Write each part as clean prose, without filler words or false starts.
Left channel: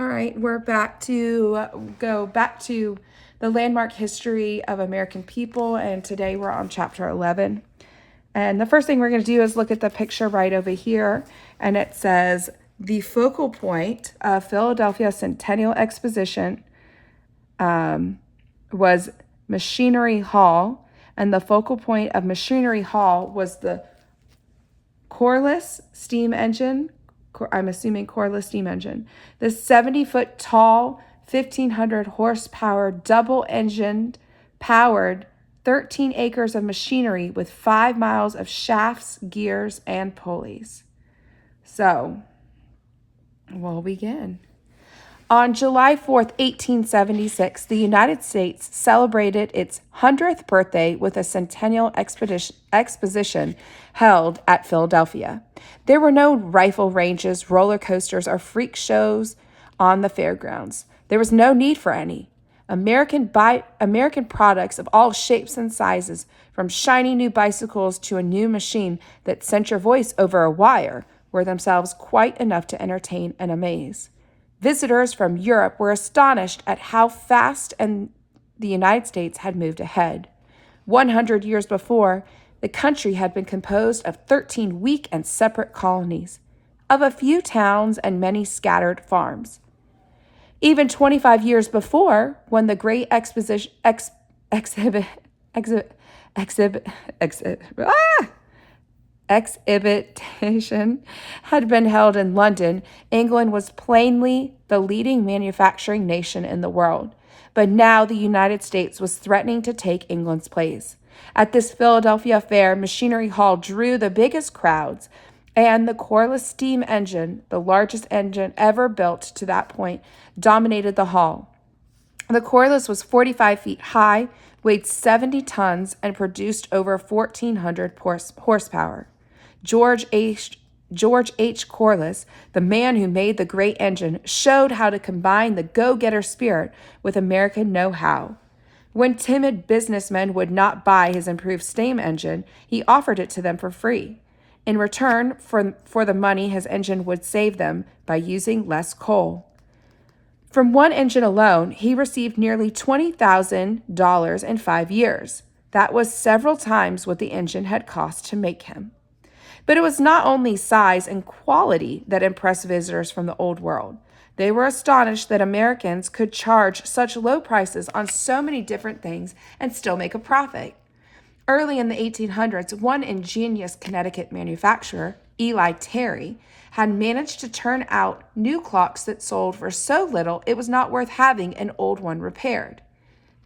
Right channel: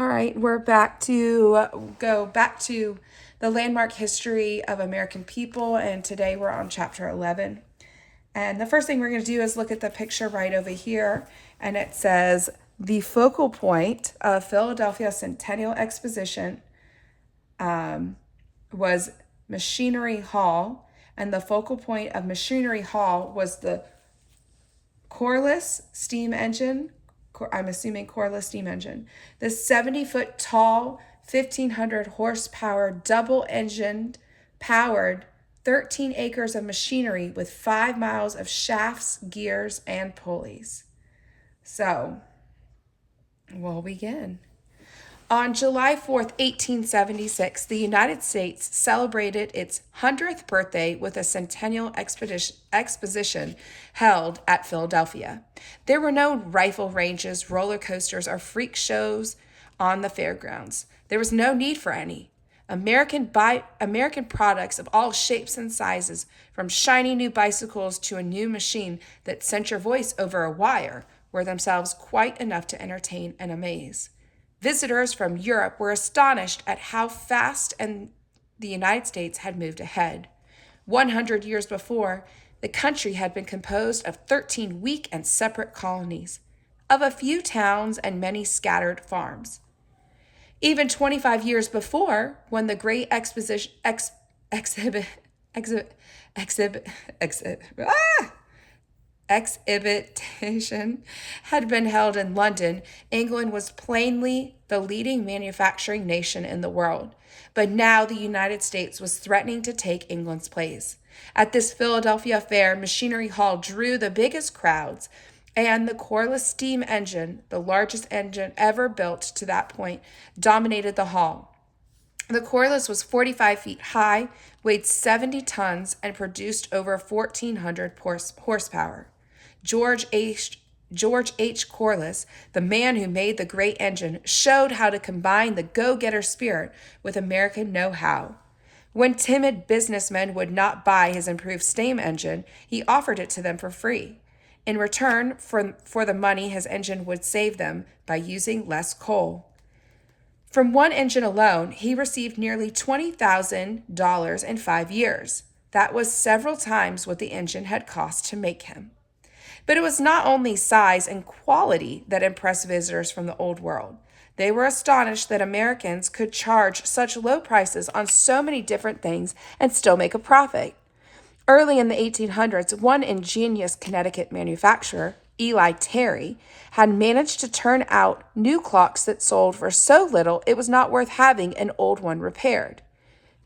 All right, we're back to go back to the landmark history of American people, and today we're on chapter 11. And the first thing we're going to do is look at the picture right over here, and it says the focal point of Philadelphia Centennial Exposition was Machinery Hall, and the focal point of Machinery Hall was the Corliss steam engine. I'm assuming Corliss steam engine. The 70-foot tall, 1,500 horsepower, double-engined, powered 13 acres of machinery with 5 miles of shafts, gears, and pulleys. So, we'll begin. On July 4th, 1876, the United States celebrated its 100th birthday with a centennial exposition held at Philadelphia. There were no rifle ranges, roller coasters, or freak shows on the fairgrounds. There was no need for any. American products of all shapes and sizes, from shiny new bicycles to a new machine that sent your voice over a wire, were themselves quite enough to entertain and amaze. Visitors from Europe were astonished at how fast the United States had moved ahead. 100 years before, the country had been composed of 13 weak and separate colonies, of a few towns and many scattered farms. Even 25 years before, when the great exhibition had been held in London, England was plainly the leading manufacturing nation in the world. But now the United States was threatening to take England's place. At this Philadelphia fair, Machinery Hall drew the biggest crowds, and the Corliss steam engine, the largest engine ever built to that point, dominated the hall. The Corliss was 45 feet high, weighed 70 tons, and produced over 1,400 horsepower. George H. Corliss, the man who made the great engine, showed how to combine the go-getter spirit with American know-how. When timid businessmen would not buy his improved steam engine, he offered it to them for free. In return for the money his engine would save them by using less coal. From one engine alone, he received nearly $20,000 in 5 years. That was several times what the engine had cost to make him. But it was not only size and quality that impressed visitors from the Old World. They were astonished that Americans could charge such low prices on so many different things and still make a profit. Early in the 1800s, one ingenious Connecticut manufacturer, Eli Terry, had managed to turn out new clocks that sold for so little it was not worth having an old one repaired.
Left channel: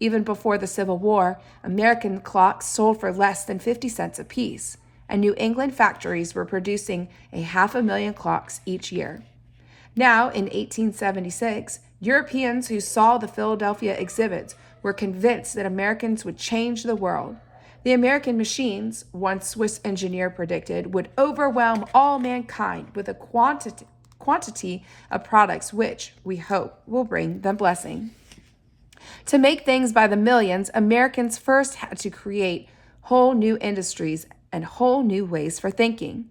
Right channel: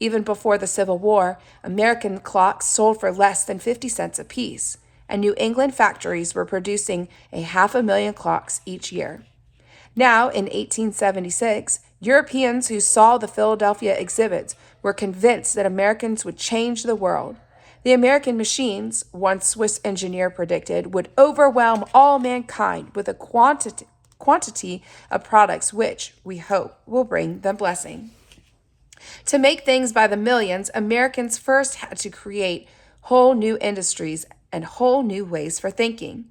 Even before the Civil War, American clocks sold for less than 50 cents apiece, and New England factories were producing 500,000 clocks each year. Now, in 1876, Europeans who saw the Philadelphia exhibits were convinced that Americans would change the world. The American machines, one Swiss engineer predicted, would overwhelm all mankind with a quantity of products which, we hope, will bring them blessing. To make things by the millions, Americans first had to create whole new industries and whole new ways for thinking.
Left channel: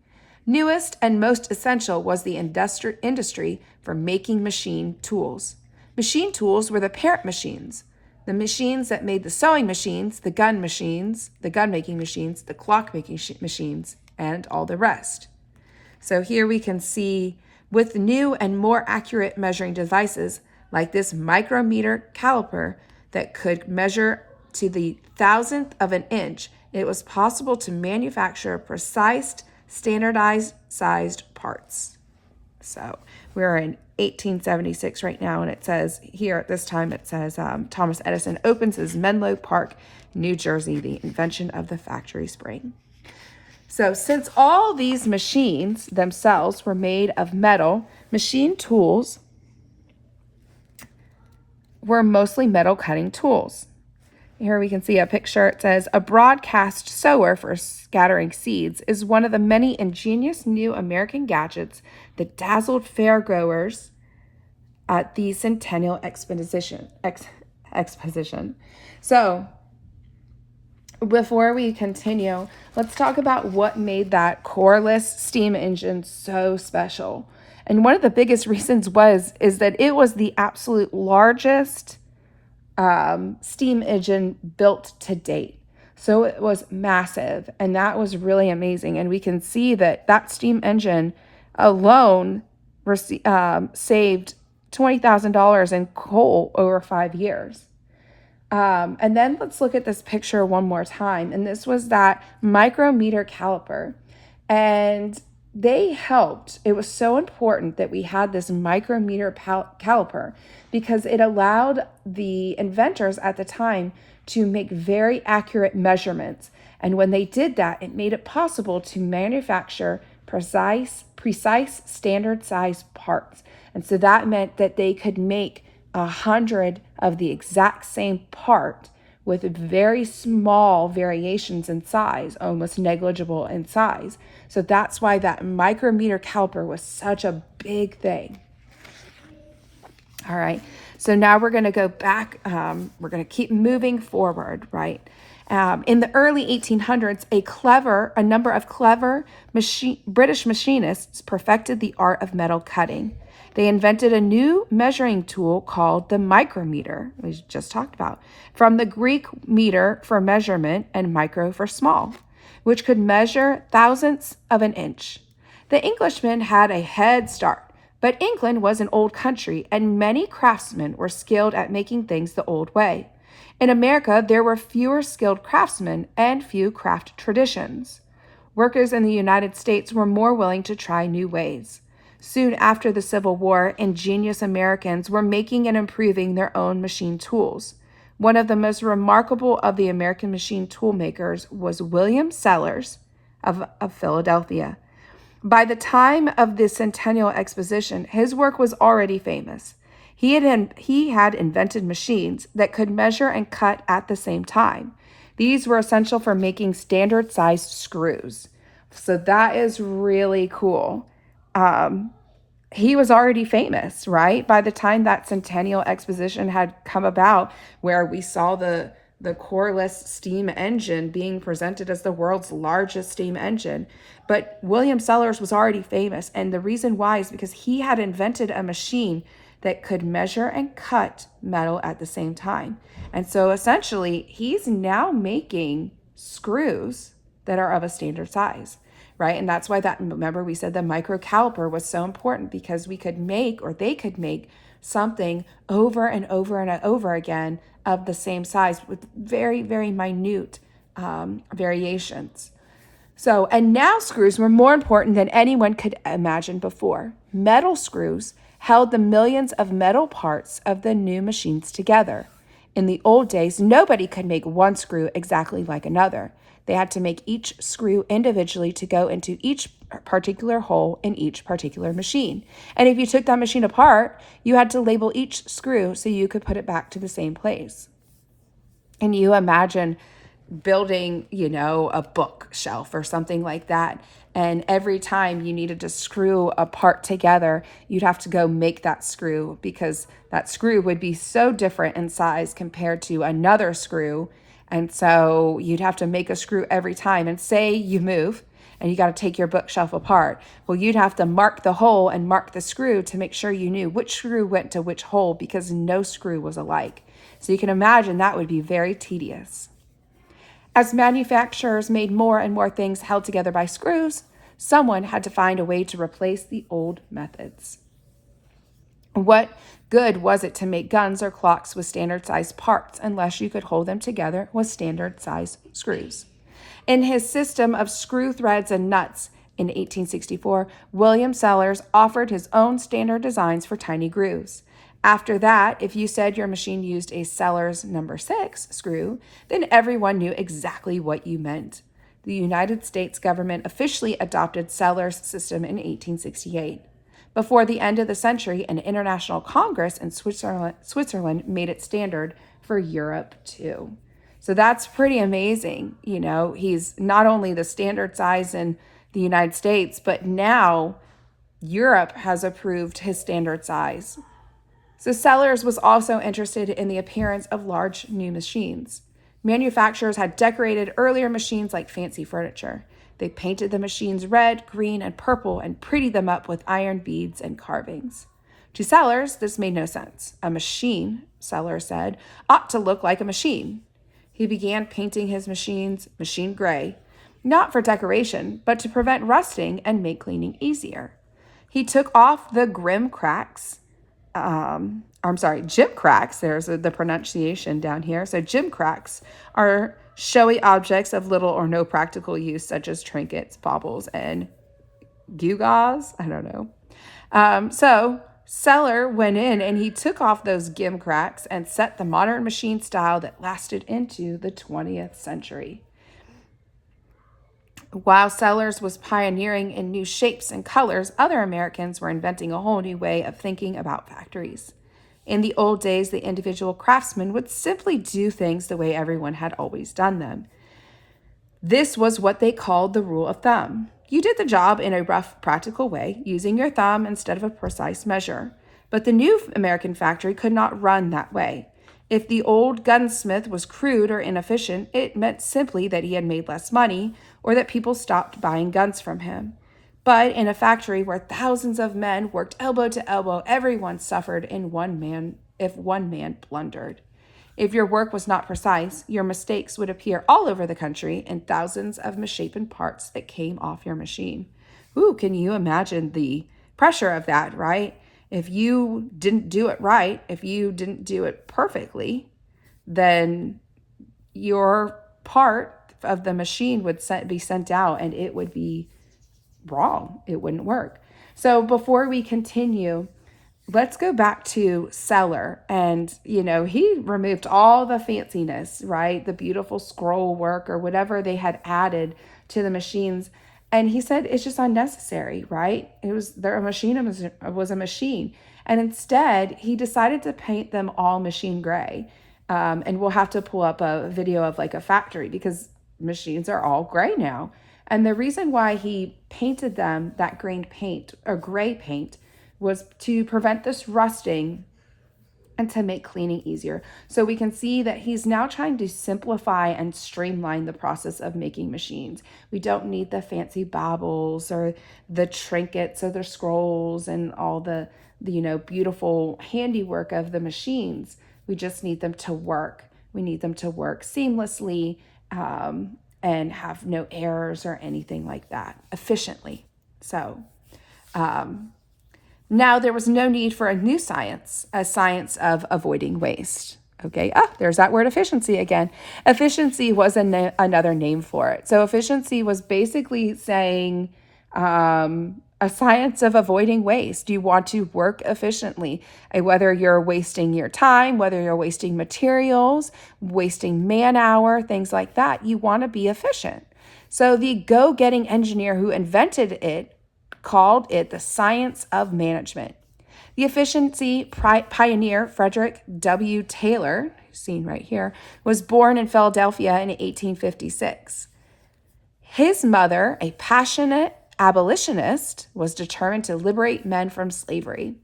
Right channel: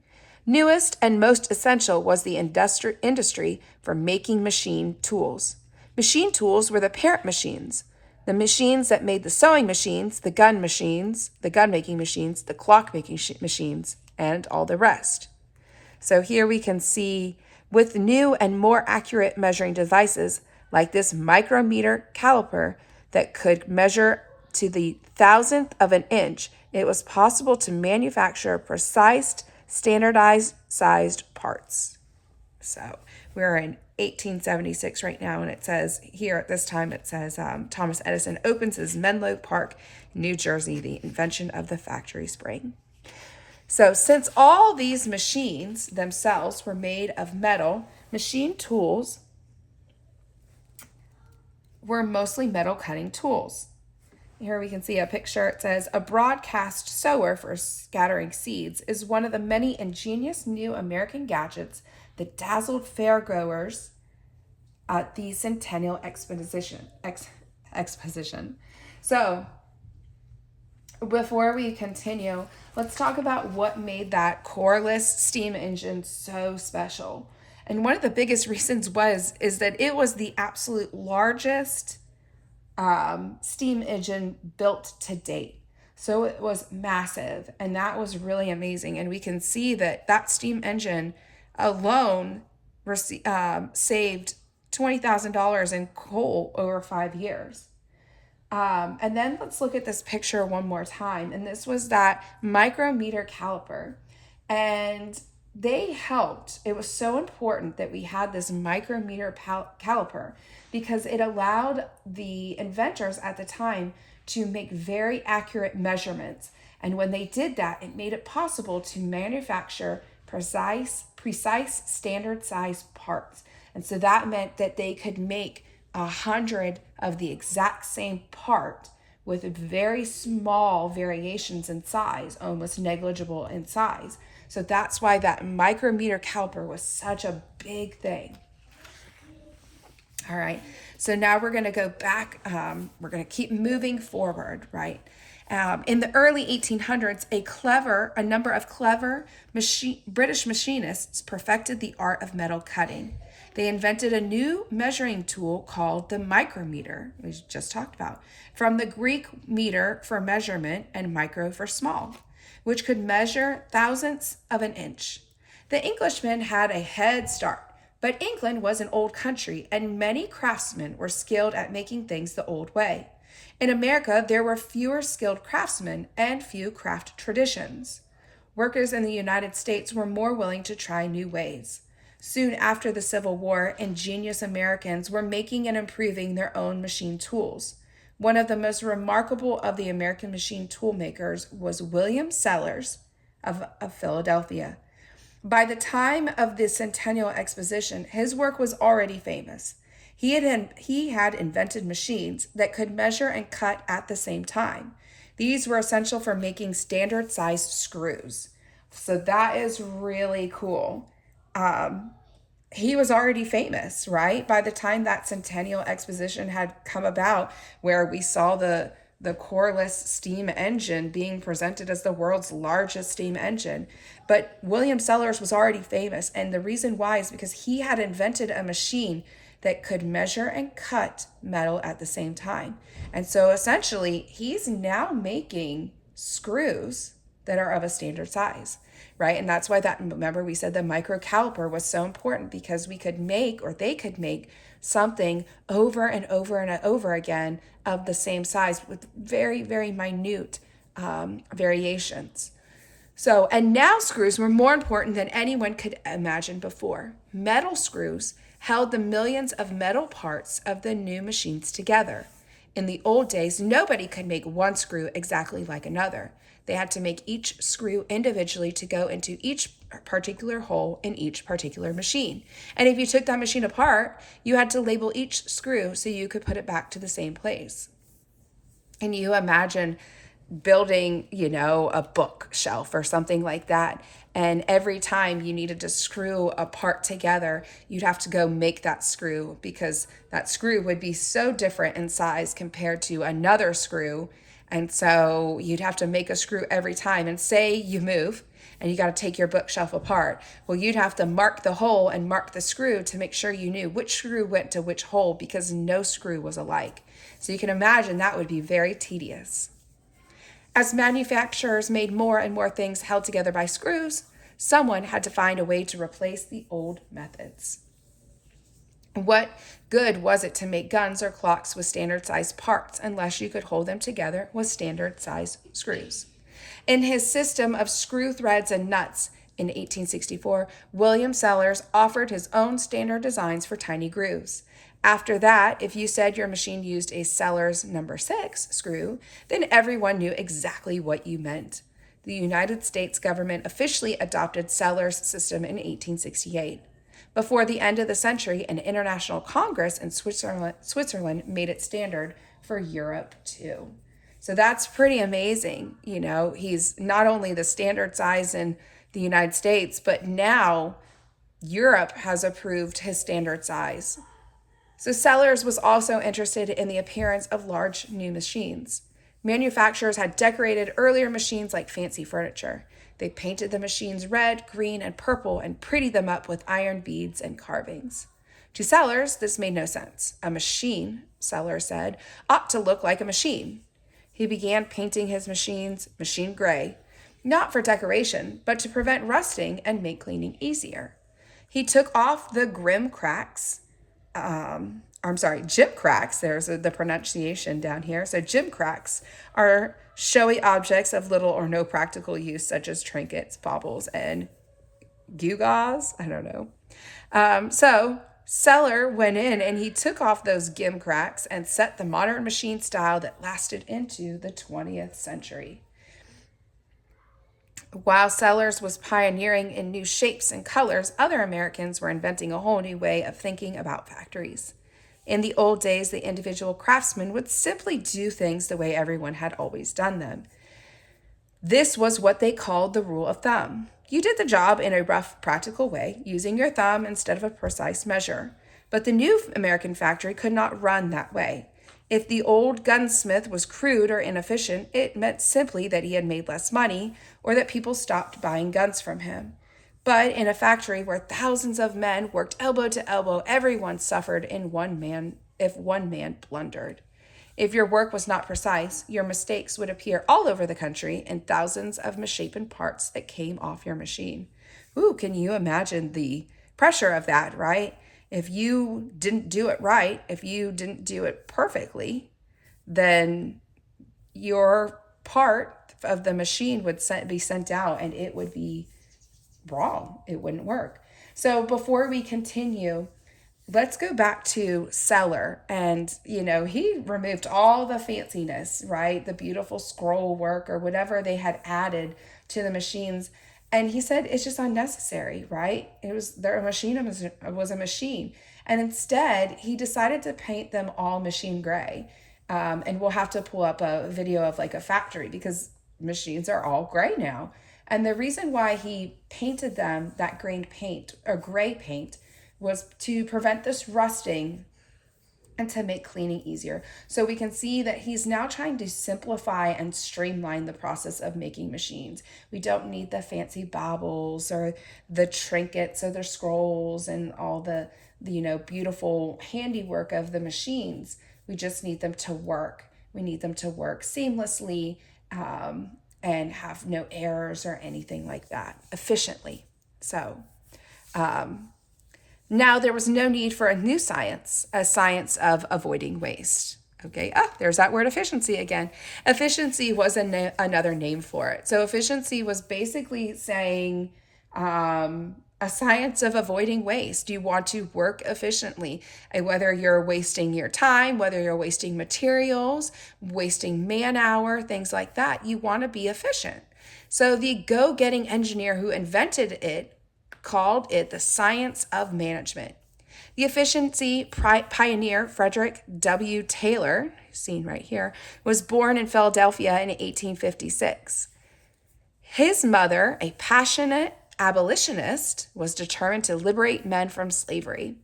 Newest and most essential was the industry for making machine tools. Machine tools were the parent machines, the machines that made the sewing machines, the gun making machines, the clock making machines, and all the rest. So here we can see with new and more accurate measuring devices like this micrometer caliper that could measure to the thousandth of an inch, it was possible to manufacture precise, standardized sized parts. So we're in 1876 right now, and it says here at this time, it says Thomas Edison opens his Menlo Park, New Jersey, the invention of the factory spring. So since all these machines themselves were made of metal, machine tools were mostly metal cutting tools. Here we can see a picture. It says, a broadcast sower for scattering seeds is one of the many ingenious new American gadgets that dazzled fairgoers at the Centennial Exposition. So, before we continue, let's talk about what made that Corliss steam engine so special. And one of the biggest reasons is that it was the absolute largest steam engine built to date. So it was massive, and that was really amazing. And we can see that that steam engine alone saved $20,000 in coal over 5 years. And then let's look at this picture one more time. And this was that micrometer caliper. And they helped. It was so important that we had this micrometer caliper because it allowed the inventors at the time to make very accurate measurements. And when they did that, it made it possible to manufacture precise standard size parts. And so that meant that they could make 100 of the exact same part with very small variations in size, almost negligible in size. So that's why that micrometer caliper was such a big thing. All right, so now we're going to go back. We're going to keep moving forward, right? In the early 1800s, a number of clever British machinists perfected the art of metal cutting. They invented a new measuring tool called the micrometer, we just talked about, from the Greek meter for measurement and micro for small, which could measure thousandths of an inch. The Englishmen had a head start, but England was an old country, and many craftsmen were skilled at making things the old way. In America, there were fewer skilled craftsmen and few craft traditions. Workers in the United States were more willing to try new ways. Soon after the Civil War, ingenious Americans were making and improving their own machine tools. One of the most remarkable of the American machine tool makers was William Sellers of Philadelphia. By the time of the Centennial Exposition, his work was already famous. He had invented machines that could measure and cut at the same time. These were essential for making standard-sized screws. So that is really cool. He was already famous, right? By the time that Centennial Exposition had come about, where we saw the Corliss steam engine being presented as the world's largest steam engine. But William Sellers was already famous, and the reason why is because he had invented a machine that could measure and cut metal at the same time. And so essentially, he's now making screws that are of a standard size, right? And that's why remember we said the micro caliper was so important, because they could make something over and over and over again of the same size with very, very minute variations. So, and now screws were more important than anyone could imagine before. Metal screws held the millions of metal parts of the new machines together. In the old days, nobody could make one screw exactly like another. They had to make each screw individually to go into each particular hole in each particular machine. And if you took that machine apart, you had to label each screw so you could put it back to the same place. And you imagine building, a bookshelf or something like that. And every time you needed to screw a part together, you'd have to go make that screw, because that screw would be so different in size compared to another screw. And so you'd have to make a screw every time. And say you move and you got to take your bookshelf apart. Well, you'd have to mark the hole and mark the screw to make sure you knew which screw went to which hole, because no screw was alike. So you can imagine that would be very tedious. As manufacturers made more and more things held together by screws, someone had to find a way to replace the old methods. What good was it to make guns or clocks with standard-sized parts unless you could hold them together with standard-sized screws? In his system of screw threads and nuts in 1864, William Sellers offered his own standard designs for tiny grooves. After that, if you said your machine used a Sellers number 6 screw, then everyone knew exactly what you meant. The United States government officially adopted Sellers' system in 1868. Before the end of the century, an international congress in Switzerland made it standard for Europe too. So that's pretty amazing. He's not only the standard size in the United States, but now Europe has approved his standard size. So Sellers was also interested in the appearance of large new machines. Manufacturers had decorated earlier machines like fancy furniture. They painted the machines red, green, and purple and prettied them up with iron beads and carvings. To Sellers, this made no sense. A machine, Sellers said, ought to look like a machine. He began painting his machines machine gray, not for decoration, but to prevent rusting and make cleaning easier. He took off the gimcracks. There's the pronunciation down here. So gimcracks are showy objects of little or no practical use, such as trinkets, baubles, and gewgaws. I don't know. So Seller went in and he took off those gimcracks and set the modern machine style that lasted into the 20th century. While Sellers was pioneering in new shapes and colors, other Americans were inventing a whole new way of thinking about factories. In the old days, the individual craftsman would simply do things the way everyone had always done them. This was what they called the rule of thumb. You did the job in a rough, practical way, using your thumb instead of a precise measure. But the new American factory could not run that way. If the old gunsmith was crude or inefficient, it meant simply that he had made less money or that people stopped buying guns from him. But in a factory where thousands of men worked elbow to elbow, everyone suffered if one man blundered. If your work was not precise, your mistakes would appear all over the country in thousands of misshapen parts that came off your machine. Ooh, can you imagine the pressure of that, right? If you didn't do it right, if you didn't do it perfectly, then your part of the machine would be sent out and it would be wrong. It wouldn't work. So before we continue, let's go back to Seller. And, he removed all the fanciness, right? The beautiful scroll work or whatever they had added to the machines. And he said it's just unnecessary, right? A machine was a machine. And instead, he decided to paint them all machine gray. And we'll have to pull up a video of like a factory because machines are all gray now. And the reason why he painted them that gray paint was to prevent this rusting and to make cleaning easier. So we can see that he's now trying to simplify and streamline the process of making machines. We don't need the fancy baubles or the trinkets or the scrolls and all the beautiful handiwork of the machines. We just need them to work. We need them to work seamlessly and have no errors or anything like that, efficiently. So now there was no need for a new science, a science of avoiding waste. Okay, there's that word efficiency again. Efficiency was another name for it. So efficiency was basically saying a science of avoiding waste. You want to work efficiently, whether you're wasting your time, whether you're wasting materials, wasting man hour, things like that. You want to be efficient. So the go-getting engineer who invented it called it the science of management. The efficiency pioneer Frederick W. Taylor, seen right here, was born in Philadelphia in 1856. His mother, a passionate abolitionist, was determined to liberate men from slavery.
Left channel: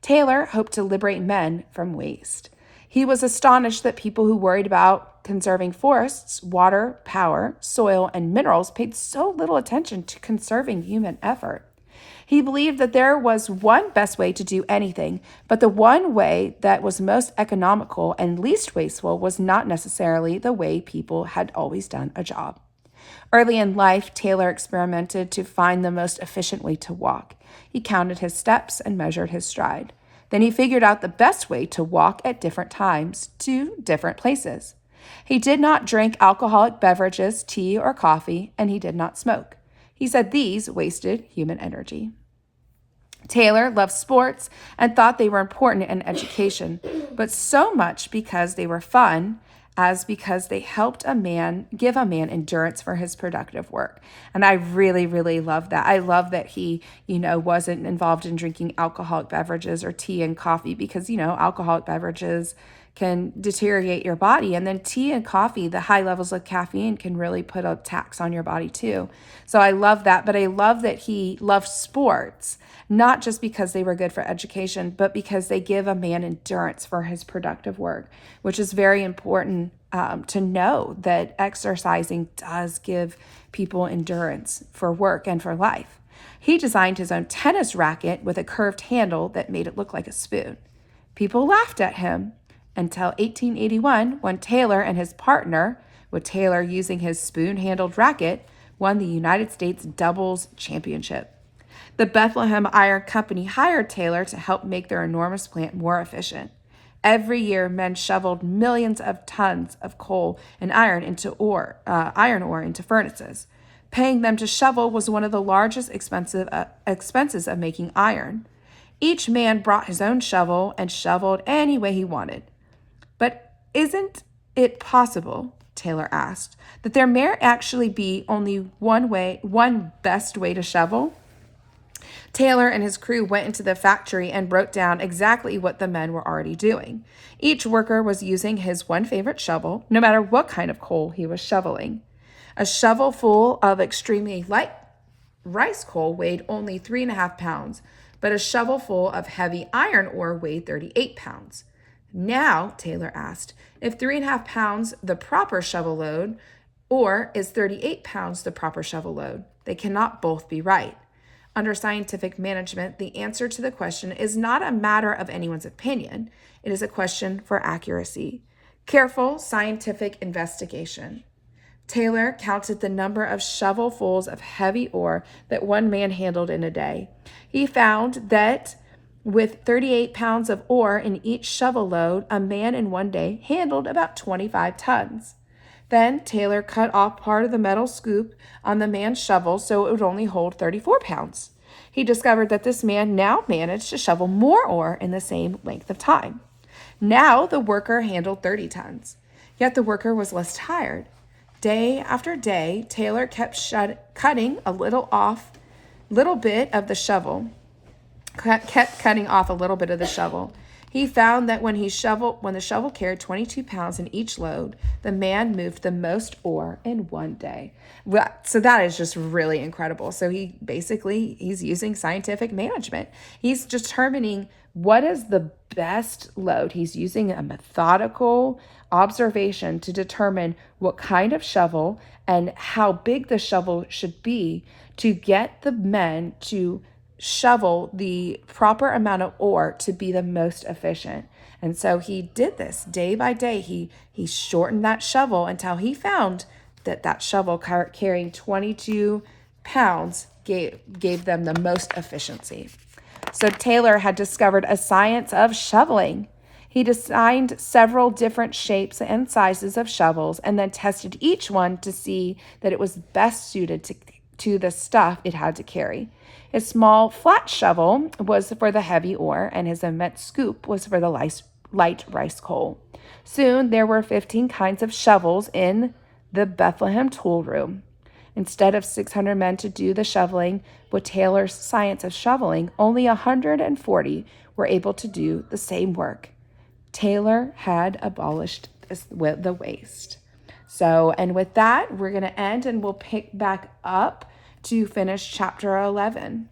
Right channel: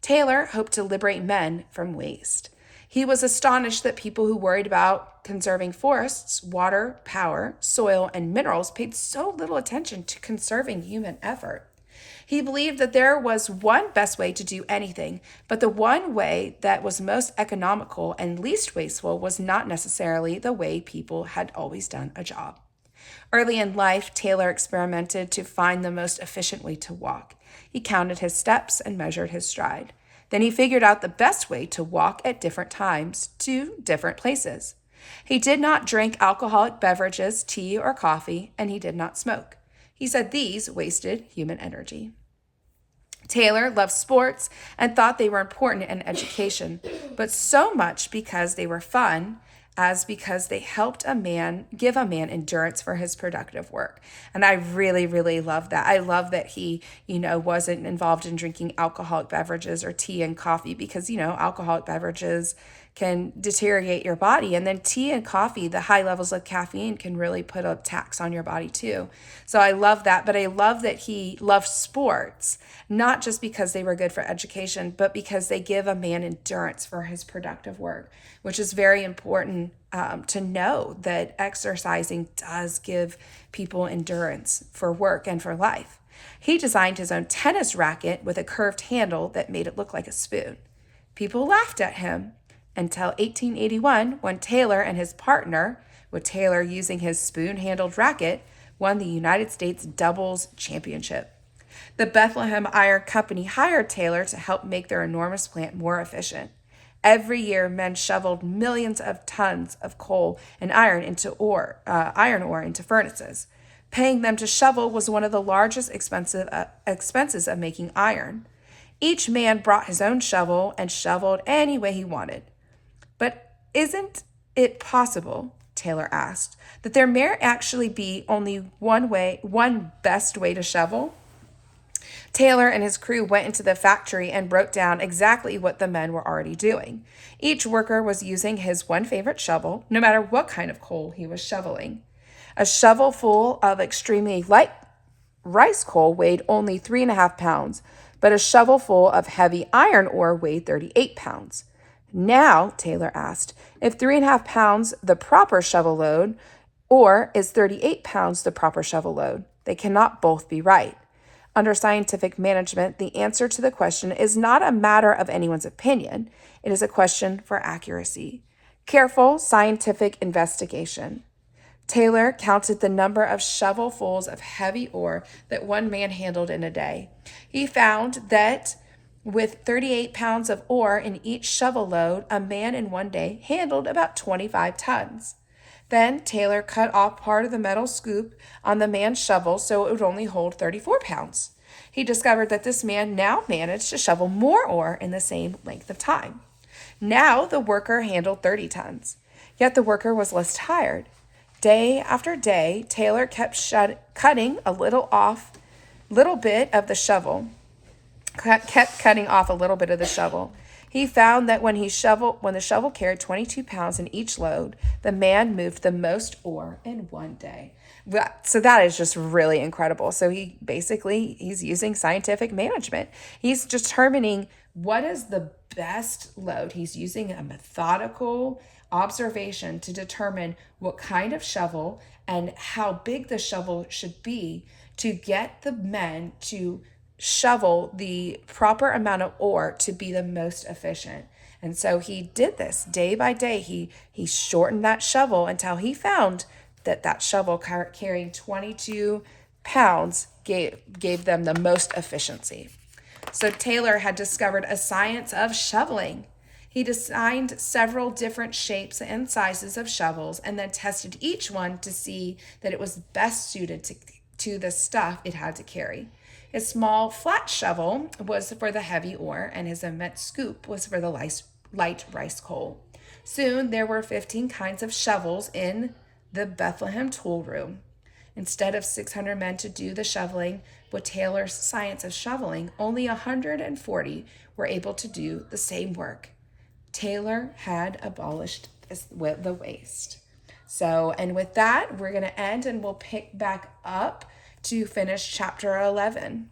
Taylor hoped to liberate men from waste. He was astonished that people who worried about conserving forests, water, power, soil, and minerals paid so little attention to conserving human effort. He believed that there was one best way to do anything, but the one way that was most economical and least wasteful was not necessarily the way people had always done a job. Early in life, Taylor experimented to find the most efficient way to walk. He counted his steps and measured his stride. Then he figured out the best way to walk at different times to different places. He did not drink alcoholic beverages, tea, or coffee, and he did not smoke. He said these wasted human energy. Taylor loved sports and thought they were important in education, but so much because they were fun as because they helped give a man endurance for his productive work. And I really, really love that. I love that he, wasn't involved in drinking alcoholic beverages or tea and coffee because, alcoholic beverages can deteriorate your body. And then tea and coffee, the high levels of caffeine can really put a tax on your body too. So I love that. But I love that he loved sports, not just because they were good for education, but because they give a man endurance for his productive work, which is very important to know that exercising does give people endurance for work and for life. He designed his own tennis racket with a curved handle that made it look like a spoon. People laughed at him until 1881, when Taylor and his partner, with Taylor using his spoon-handled racket, won the United States doubles championship. The Bethlehem Iron Company hired Taylor to help make their enormous plant more efficient. Every year, men shoveled millions of tons of coal and iron ore into furnaces. Paying them to shovel was one of the largest expenses of making iron. Each man brought his own shovel and shoveled any way he wanted. But isn't it possible, Taylor asked, that there may actually be only one best way to shovel? Taylor and his crew went into the factory and wrote down exactly what the men were already doing. Each worker was using his one favorite shovel, no matter what kind of coal he was shoveling. A shovel full of extremely light rice coal weighed only 3.5 pounds, but a shovel full of heavy iron ore weighed 38 pounds. Now, Taylor asked, if 3.5 pounds the proper shovel load, or is 38 pounds the proper shovel load? They cannot both be right. Under scientific management, the answer to the question is not a matter of anyone's opinion. It is a question for accuracy. Careful scientific investigation. Taylor counted the number of shovelfuls of heavy ore that one man handled in a day. He found that with 38 pounds of ore in each shovel load, a man in one day handled about 25 tons. Then Taylor cut off part of the metal scoop on the man's shovel so it would only hold 34 pounds. He discovered that this man now managed to shovel more ore in the same length of time. Now the worker handled 30 tons, yet the worker was less tired. Day after day, Taylor kept cutting a little bit of the shovel. Kept cutting off a little bit of the shovel. He found that when the shovel carried 22 pounds in each load, the man moved the most ore in one day. So that is just really incredible. So he's using scientific management. He's determining what is the best load. He's using a methodical observation to determine what kind of shovel and how big the shovel should be to get the men to shovel the proper amount of ore to be the most efficient. And so he did this day by day. He shortened that shovel until he found that shovel carrying 22 pounds gave them the most efficiency. So Taylor had discovered a science of shoveling. He designed several different shapes and sizes of shovels and then tested each one to see that it was best suited to the stuff it had to carry. His small flat shovel was for the heavy ore, and his immense scoop was for the light rice coal. Soon there were 15 kinds of shovels in the Bethlehem tool room. Instead of 600 men to do the shoveling with Taylor's science of shoveling, only 140 were able to do the same work. Taylor had abolished the waste. So, and with that, we're going to end and we'll pick back up to finish chapter 11.